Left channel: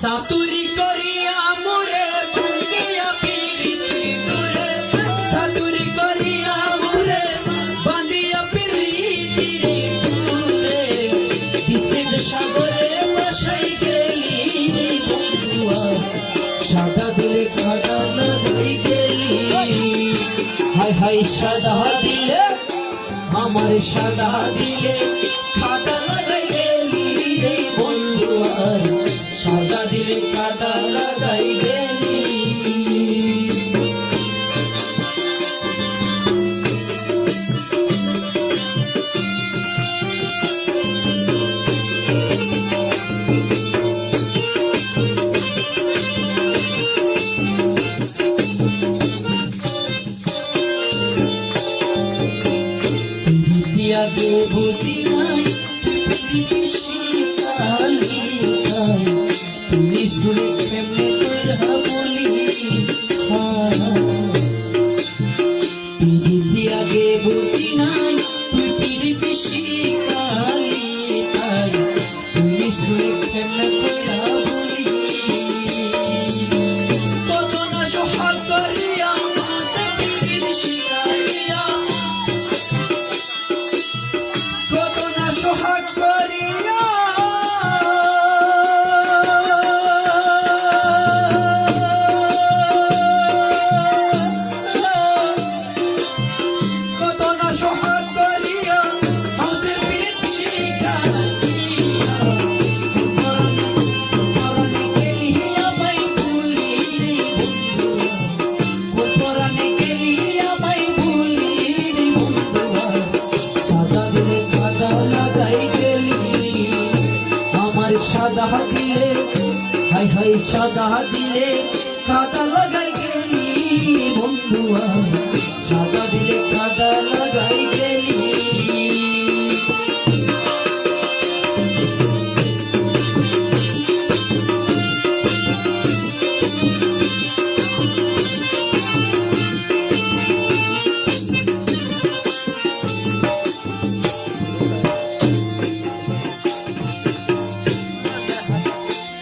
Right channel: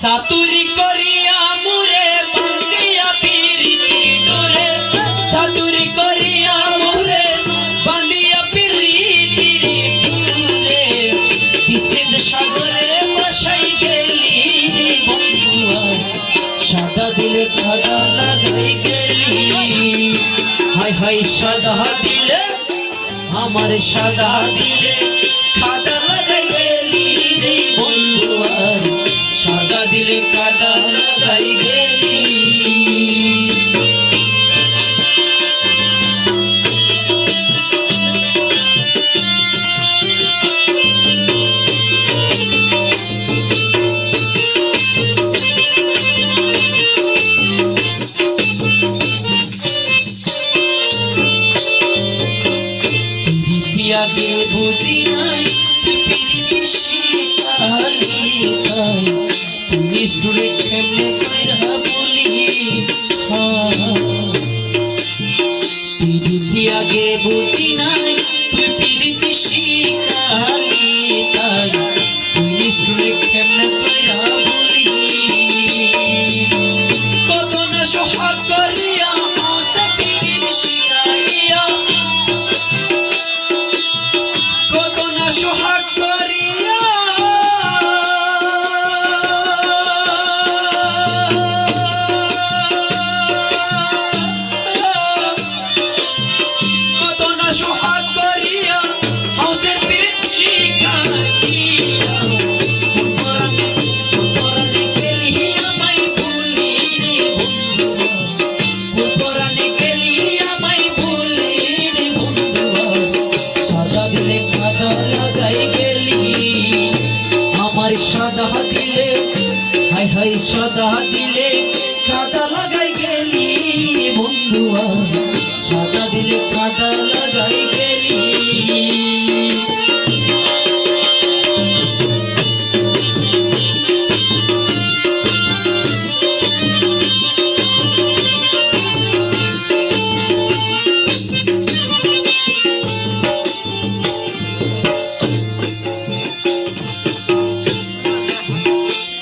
সাতুরি করিয়া মুরে বাঙ্গিয়া পিরিতি ডোরে সাতুরি করিয়া মুরে বাঙ্গিয়া পিরিতি ডোরে বিচিদ সাগরে বসাই গেলি রে বন্ধুয়া সাদা দিলে খাদা লাগাই গেলি হাই হাই সাদা দিলে আমার সাদা দিলে খাদা লাগাই গেলি রে বন্ধুয়া সাদা দিলে কাদা লাগাই গেলি আগে বুঝি নাই পৃথিবী শিখালি তাই তুই স্টুডেন্ট কেমনে কইরা বলি পৃথিবী আগে বুঝি নাই তুই পৃথিবী শিখালি তাই তুই স্টুডেন্ট কেমনে কইরা বলি কত না সোহাগ করিয়া আসে পৃথিবী শিখাইয়া সোহাগ করিয়া কত না সোহাগ করিয়া হাউসের পিরিত শিখাইয়া পরানে গেলি আমায় ভুলি রে বন্ধুয়া পরানে গেলি আমায় ভুলি রে বন্ধুয়া সাদা দিলে খাদা লাগাই গেলি আমার সাদা দিলে হাই হাই সাদা দিলে কাদা লাগাই গেলি বন্ধুয়া সাদা দিলে কাদা লাগাই গেলি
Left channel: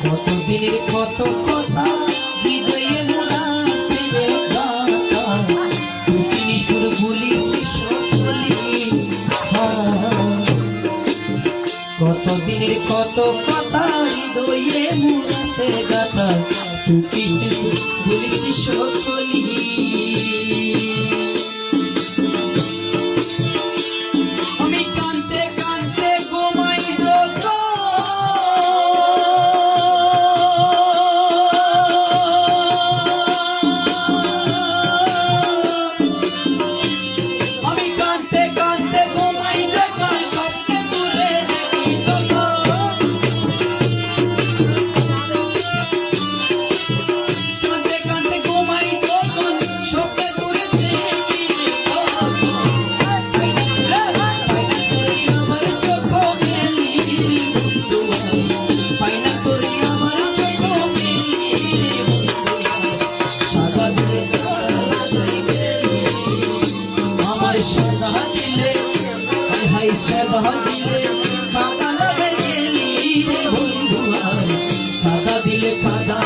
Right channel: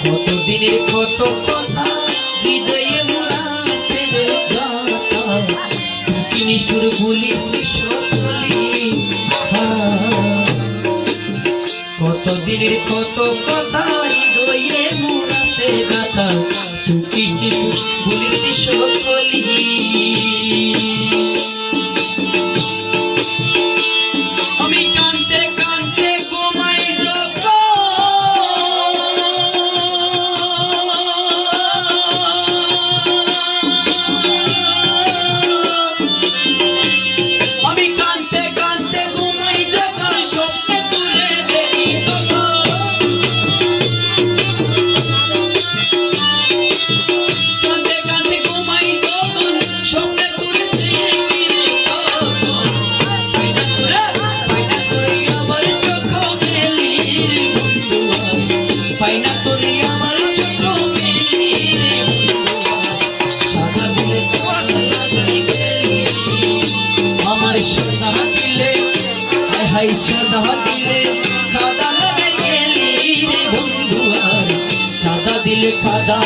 কতদিনের কত কথা হৃদয়ে মুনাসে গাথা তুই নিষ্ঠুর বলিস সকলি কতদিনের কত কথা হৃদয়ে মুনাসে গাথা তুই নিষ্ঠুর বলিস সকলি আমি কাঁদতে কাঁদতে ঘুমাই সাদা দিলে কাদা লাগাই গেলি রে বন্ধুয়া সাদা দিলে কাদা